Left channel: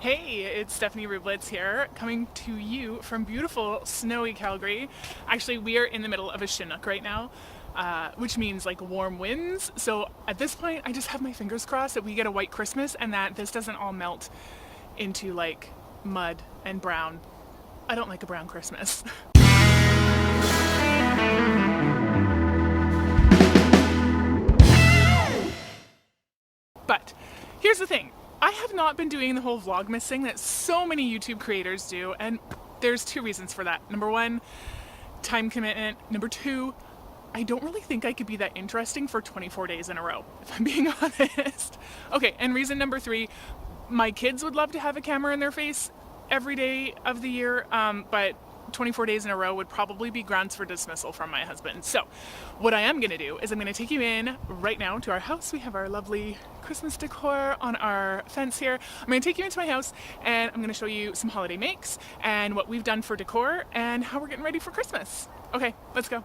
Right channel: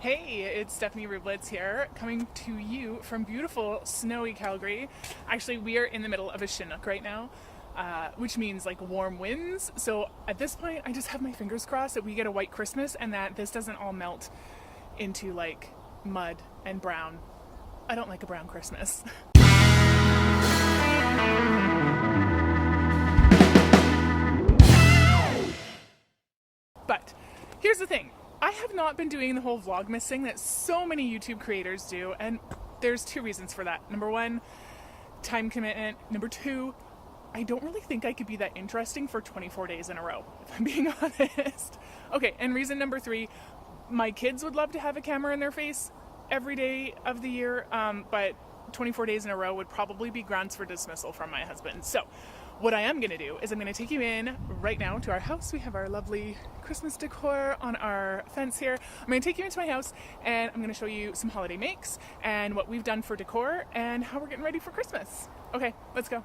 Hey, it's Stephanie Rubletz here, coming to you from beautiful, snowy Calgary. Actually, we are in the middle of a Chinook right now, which means like warm winds. So at this point, I just have my fingers crossed that we get a white Christmas and that this doesn't all melt into like mud and brown. I don't like a brown Christmas. But here's the thing, I have not been doing the whole Vlogmas thing that so many YouTube creators do, and there's two reasons for that. Number one, time commitment. Number two, I don't really think I could be that interesting for 24 days in a row, if I'm being honest. Okay, and reason number three, my kids would love to have a camera in their face every day of the year, but 24 days in a row would probably be grounds for dismissal from my husband. So what I am going to do is I'm going to take you in right now to our house. We have our lovely Christmas decor on our fence here. I'm going to take you into my house and I'm going to show you some holiday makes and what we've done for decor and how we're getting ready for Christmas. Okay, let's go.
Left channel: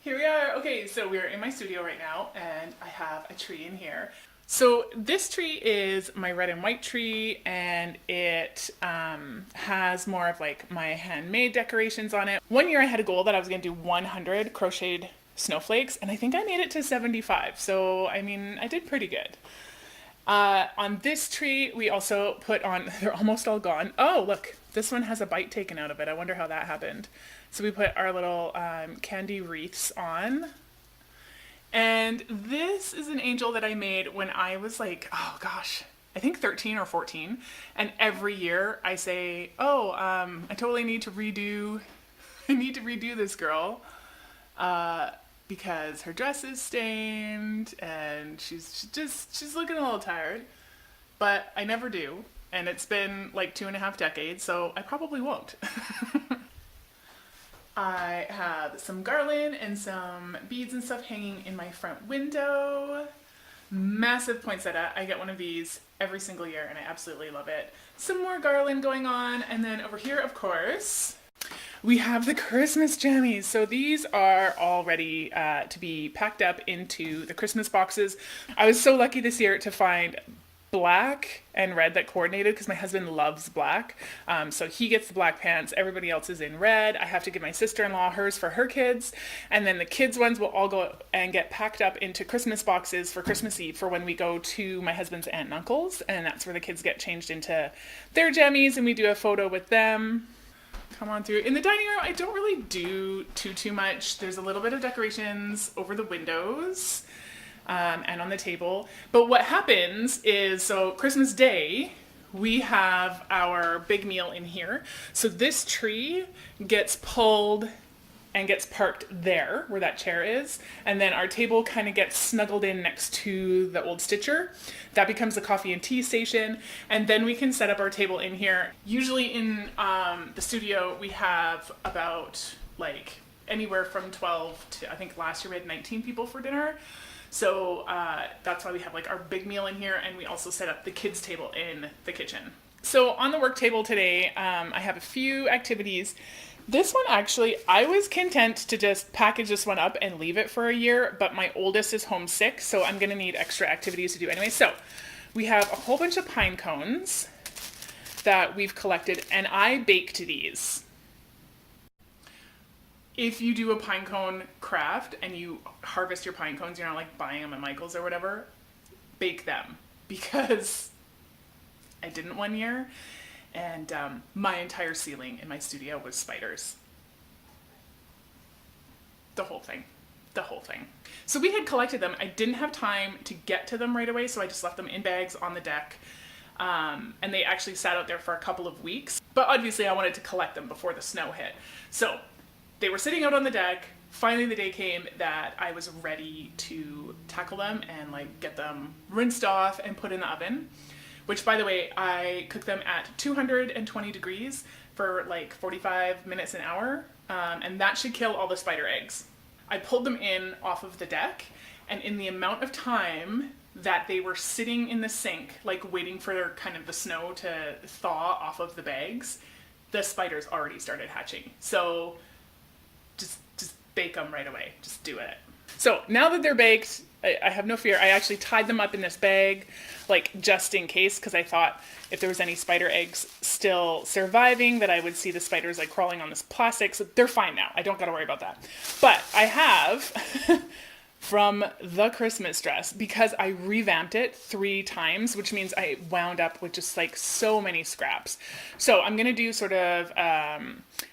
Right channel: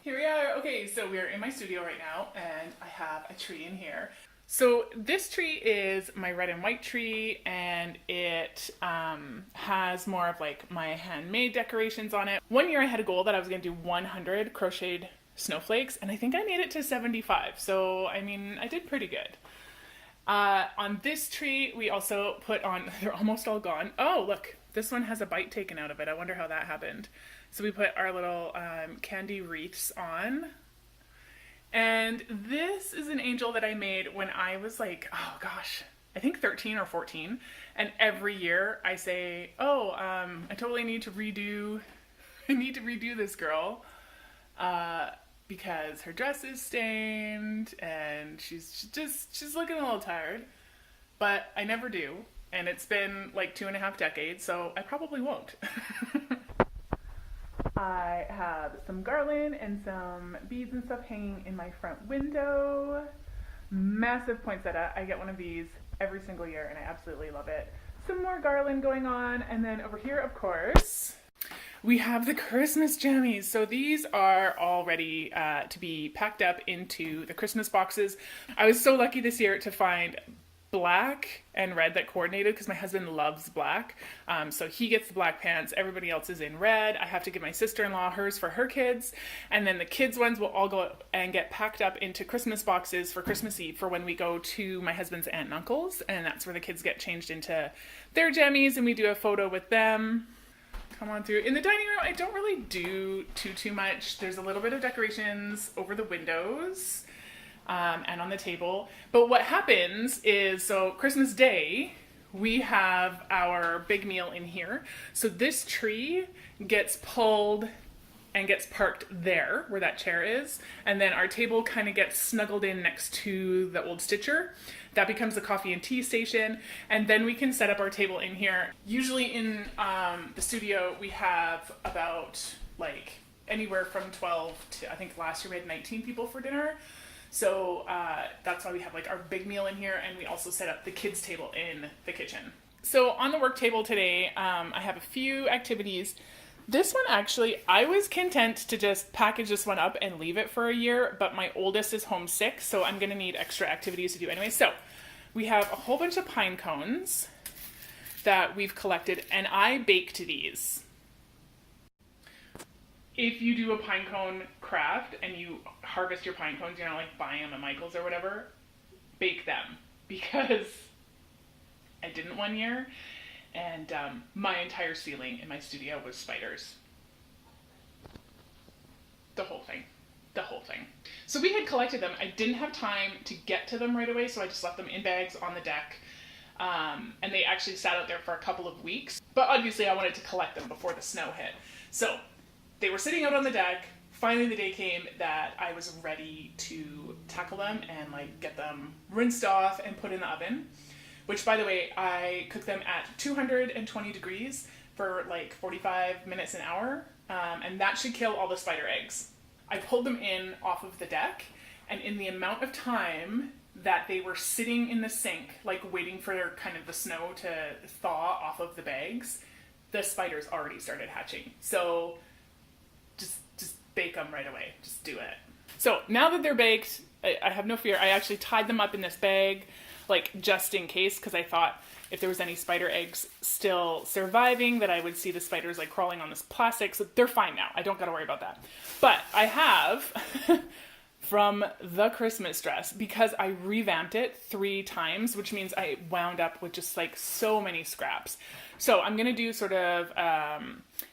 Here we are. Okay, so we're in my studio right now and I have a tree in here. So this tree is my red and white tree, and it has more of like my handmade decorations on it. One year I had a goal that I was going to do 100 crocheted snowflakes, and I think I made it to 75. So, I mean, I did pretty good. On this tree, we also put on, they're almost all gone. Oh, look, this one has a bite taken out of it. I wonder how that happened. So we put our little candy wreaths on. And this is an angel that I made when I was like, oh gosh, I think 13 or 14. And every year I say, oh, I totally need to redo, I need to redo this girl because her dress is stained and she's looking a little tired. But I never do. And it's been like 2.5 decades, so I probably won't. I have some garland and some beads and stuff hanging in my front window. Massive poinsettia. I get one of these every single year and I absolutely love it. Some more garland going on. And then over here, of course, we have the Christmas jammies. So these are all ready to be packed up into the Christmas boxes. I was so lucky this year to find black and red that coordinated because my husband loves black. So he gets the black pants, everybody else is in red. I have to give my sister-in-law hers for her kids, and then the kids' ones will all go and get packed up into Christmas boxes for Christmas Eve for when we go to my husband's aunt and uncle's, and that's where the kids get changed into their jammies and we do a photo with them. Come on through. In the dining room, I don't really do too much. There's a little bit of decorations over the windows. And on the table. But what happens is, so Christmas Day, we have our big meal in here. So this tree gets pulled and gets parked there where that chair is. And then our table kind of gets snuggled in next to the old Stitcher. That becomes a coffee and tea station. And then we can set up our table in here. Usually in the studio, we have about like anywhere from 12 to, I think last year we had 19 people for dinner. So that's why we have like our big meal in here, and we also set up the kids' table in the kitchen. So on the work table today, I have a few activities. This one actually, I was content to just package this one up and leave it for a year, but my oldest is homesick, so I'm gonna need extra activities to do anyway. So we have a whole bunch of pine cones that we've collected, and I baked these. If you do a pine cone craft and you harvest your pine cones, you're not like buying them at Michael's or whatever, bake them, because I didn't one year and my entire ceiling in my studio was spiders. The whole thing. So we had collected them. I didn't have time to get to them right away, so I just left them in bags on the deck. And they actually sat out there for a couple of weeks, but obviously I wanted to collect them before the snow hit. So they were sitting out on the deck. Finally, the day came that I was ready to tackle them and like get them rinsed off and put in the oven, which by the way, I cook them at 220 degrees for like 45 minutes an hour. And that should kill all the spider eggs. I pulled them in off of the deck, and in the amount of time that they were sitting in the sink, like waiting for kind of the snow to thaw off of the bags, the spiders already started hatching. So just bake them right away. Just do it. So now that they're baked, I have no fear. I actually tied them up in this bag, like just in case, because I thought if there was any spider eggs still surviving that I would see the spiders like crawling on this plastic. So they're fine now. I don't got to worry about that. But I have from the Christmas dress, because I revamped it 3 times, which means I wound up with just like so many scraps. So I'm going to do sort of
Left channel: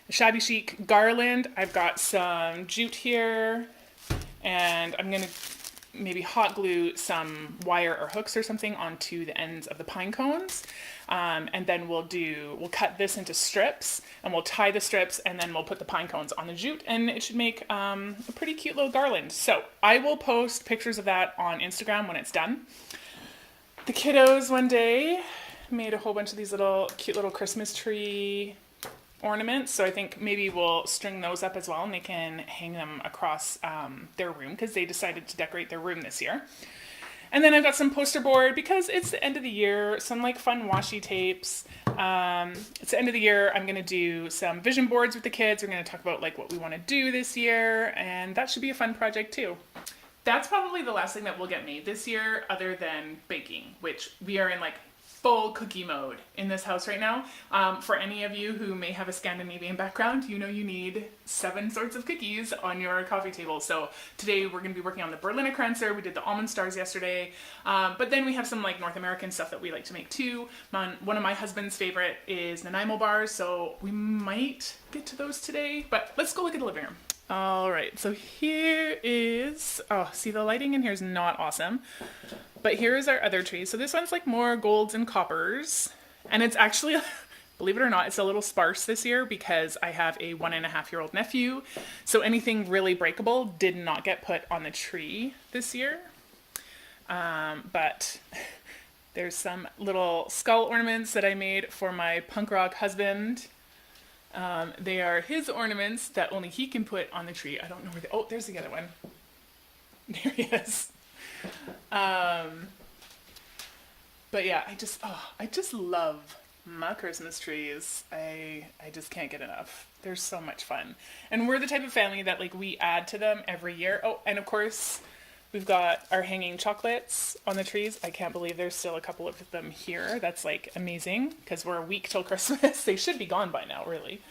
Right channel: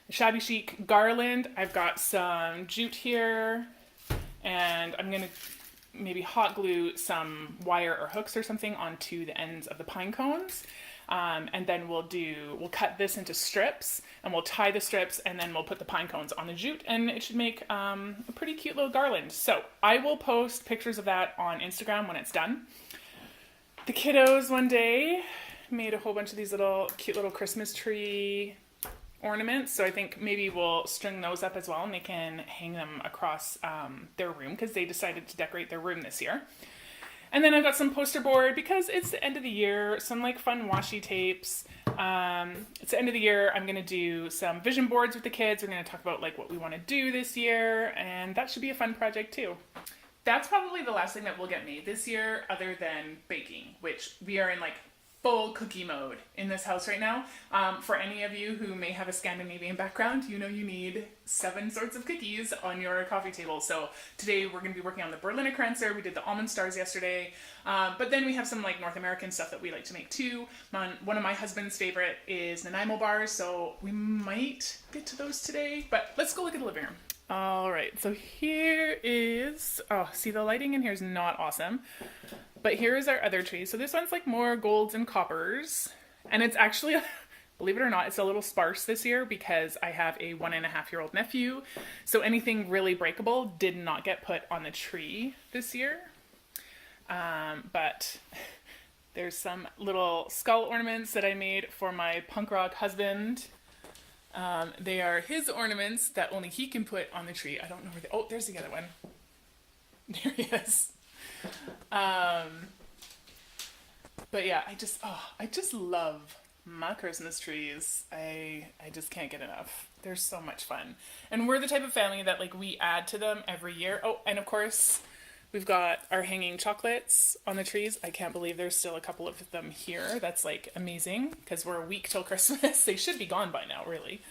shabby chic garland. I've got some jute here, and I'm going to maybe hot glue some wire or hooks or something onto the ends of the pine cones. And then we'll cut this into strips, and we'll tie the strips, and then we'll put the pine cones on the jute, and it should make a pretty cute little garland. So I will post pictures of that on Instagram when it's done. The kiddos one day made a whole bunch of these cute little Christmas tree ornaments, so I think maybe we'll string those up as well, and they can hang them across their room, because they decided to decorate their room this year. And then I've got some poster board, because it's the end of the year, some like fun washi tapes. It's the end of the year. I'm going to do some vision boards with the kids. We're going to talk about like what we want to do this year, and that should be a fun project too. That's probably the last thing that will get made this year, other than baking, which we are in like full cookie mode in this house right now. For any of you who may have a Scandinavian background, you know you need 7 sorts of cookies on your coffee table. So today we're going to be working on the Berliner Kranzer. We did the almond stars yesterday. But then we have some like North American stuff that we like to make too. One of my husband's favorite is Nanaimo bars, so we might get to those today. But let's go look at the living room. All right, so here is, oh, see the lighting in here is not awesome. But here is our other tree. So this one's like more golds and coppers. And it's actually, believe it or not, it's a little sparse this year because I have a 1.5-year-old nephew. So anything really breakable did not get put on the tree this year. But there's some little skull ornaments that I made for my punk rock husband. They are his ornaments that only he can put on the tree. I don't know where oh, there's the other one. There he is. But yeah, I just love my Christmas trees. I just can't get enough. They're so much fun. And we're the type of family that like we add to them every year. Oh, and of course we've got our hanging chocolates on the trees. I can't believe there's still a couple of them here. That's like amazing because we're a week till Christmas. They should be gone by now, really.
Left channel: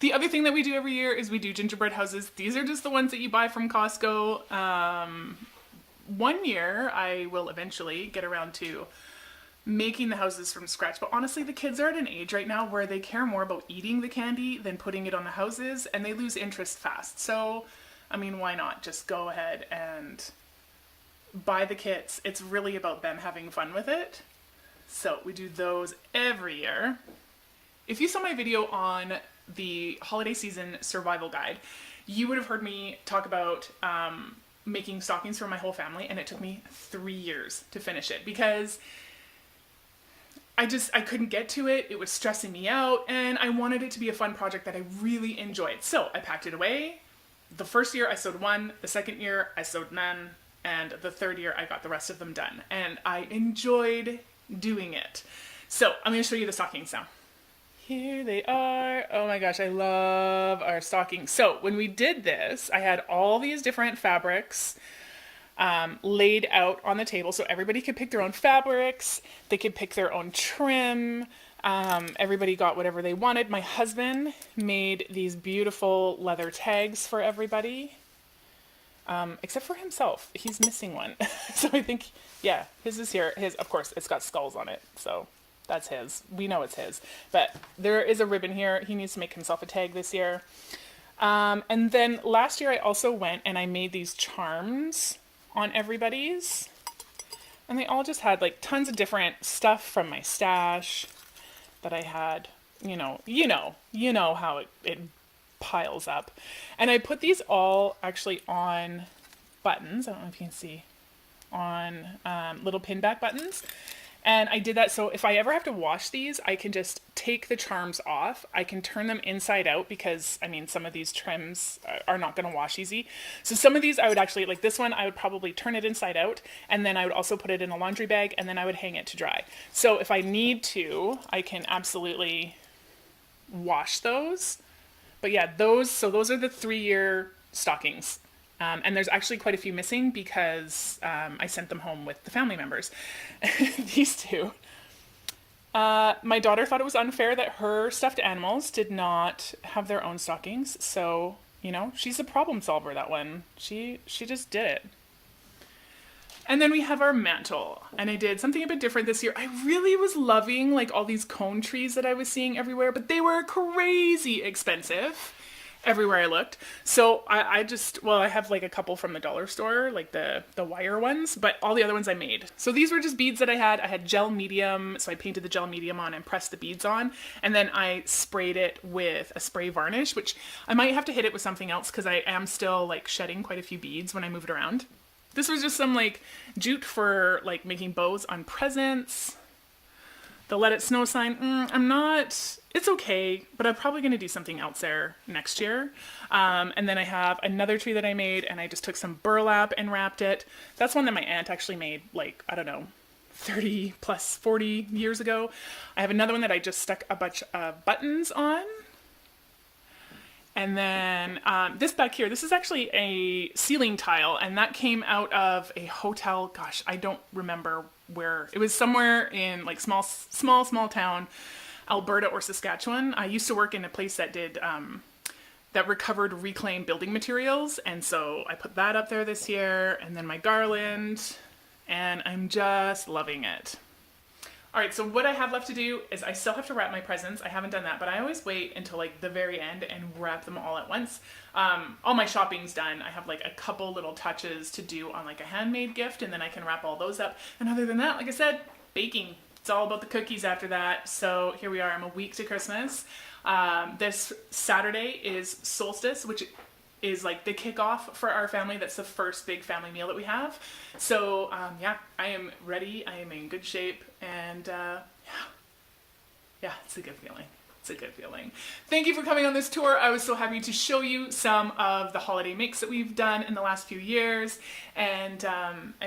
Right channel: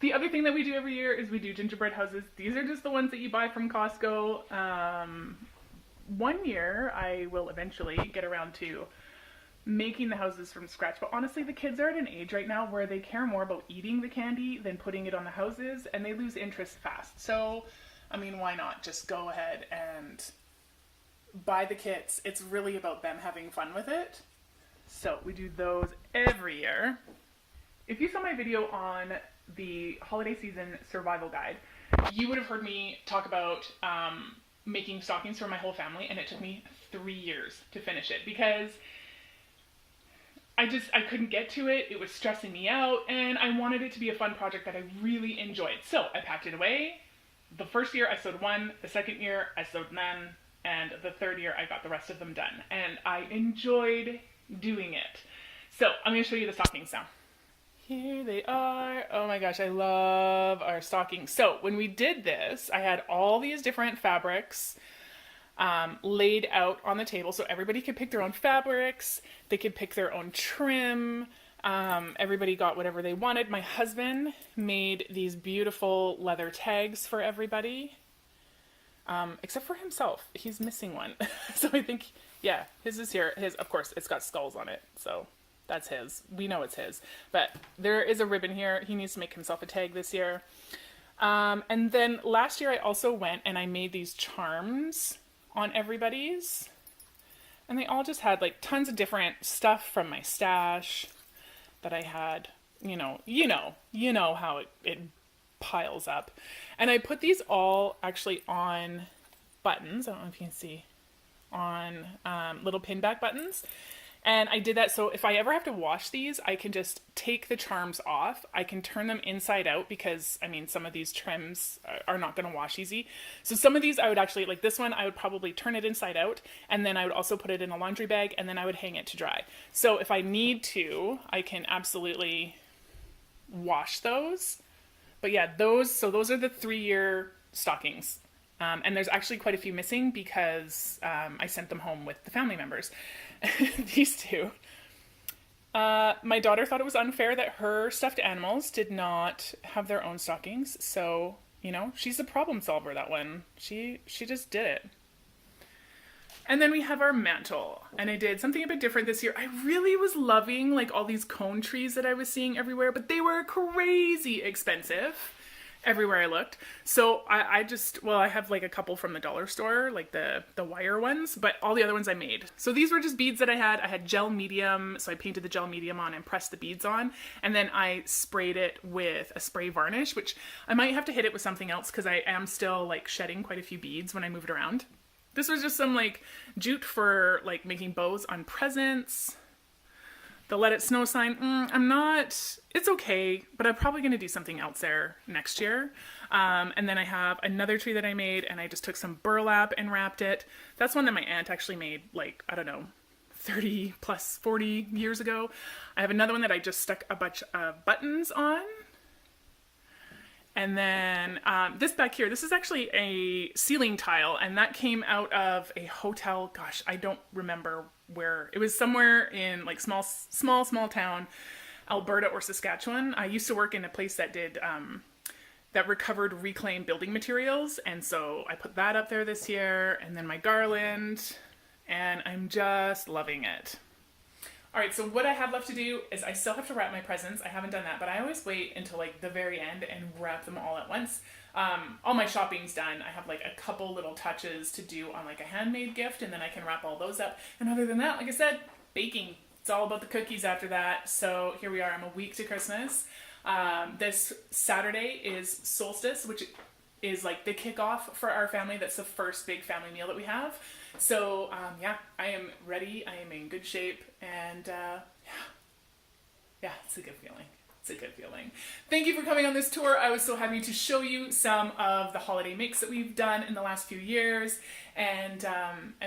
The other thing that we do every year is we do gingerbread houses. These are just the ones that you buy from Costco. One year I will eventually get around to making the houses from scratch, but honestly the kids are at an age right now where they care more about eating the candy than putting it on the houses, and they lose interest fast. So I mean, why not just go ahead and buy the kits? It's really about them having fun with it. So we do those every year. If you saw my video on the holiday season survival guide, you would have heard me talk about making stockings for my whole family, and it took me 3 years to finish it because I couldn't get to it. It was stressing me out, and I wanted it to be a fun project that I really enjoyed. So I packed it away. The first year I sewed 1, the second year I sewed none, and the third year I got the rest of them done. And I enjoyed doing it. So I'm going to show you the stockings now. Here they are. Oh my gosh, I love our stockings. So when we did this, I had all these different fabrics laid out on the table so everybody could pick their own fabrics. They could pick their own trim. Everybody got whatever they wanted. My husband made these beautiful leather tags for everybody, except for himself. He's missing one. So I think, yeah, his is here. His, of course, it's got skulls on it, so that's his. We know it's his. But there is a ribbon here. He needs to make himself a tag this year. And then last year I also went and I made these charms on everybody's. And they all just had like tons of different stuff from my stash that I had, you know how it piles up. And I put these all actually on buttons. I don't know if you can see, on little pin back buttons. And I did that so if I ever have to wash these, I can just take the charms off. I can turn them inside out because, I mean, some of these trims are not going to wash easy. So some of these I would actually, like this one, I would probably turn it inside out, and then I would also put it in a laundry bag, and then I would hang it to dry. So if I need to, I can absolutely wash those. But yeah, those are the 3-year stockings. And there's actually quite a few missing because I sent them home with the family members. These two. My daughter thought it was unfair that her stuffed animals did not have their own stockings. So, you know, she's a problem solver, that one. She just did it. And then we have our mantle, and I did something a bit different this year. I really was loving like all these cone trees that I was seeing everywhere, but they were crazy expensive everywhere I looked. So I have like a couple from the dollar store, like the wire ones, but all the other ones I made. So these were just beads that I had gel medium. So I painted the gel medium on and pressed the beads on. And then I sprayed it with a spray varnish, which I might have to hit it with something else because I am still like shedding quite a few beads when I move it around. This was just some like jute for like making bows on presents. The Let It Snow sign, it's okay, but I'm probably going to do something else there next year. And then I have another tree that I made, and I just took some burlap and wrapped it. That's one that my aunt actually made, like, I don't know, 30 plus 40 years ago. I have another one that I just stuck a bunch of buttons on. And then this back here, this is actually a ceiling tile, and that came out of a hotel. Gosh, I don't remember where. It was somewhere in like small town, Alberta or Saskatchewan. I used to work in a place that did that recovered reclaimed building materials, and so I put that up there this year. And then my garland, and I'm just loving it. All right, so what I have left to do is I still have to wrap my presents. I haven't done that, but I always wait until like the very end and wrap them all at once. All my shopping's done. I have like a couple little touches to do on like a handmade gift, and then I can wrap all those up. And other than that, like I said, baking. It's all about the cookies after that. So here we are. I'm a week to Christmas. This Saturday is solstice, which is like the kickoff for our family. That's the first big family meal that we have. So yeah, I am ready. I am in good shape, and yeah, it's a good feeling. It's a good feeling. Thank you for coming on this tour. I was so happy to show you some of the holiday makes that we've done in the last few years, and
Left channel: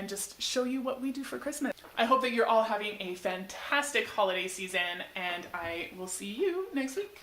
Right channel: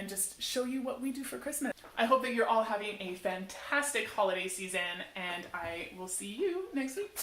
just show you what we do for Christmas. I hope that you're all having a fantastic holiday season, and I will see you next week.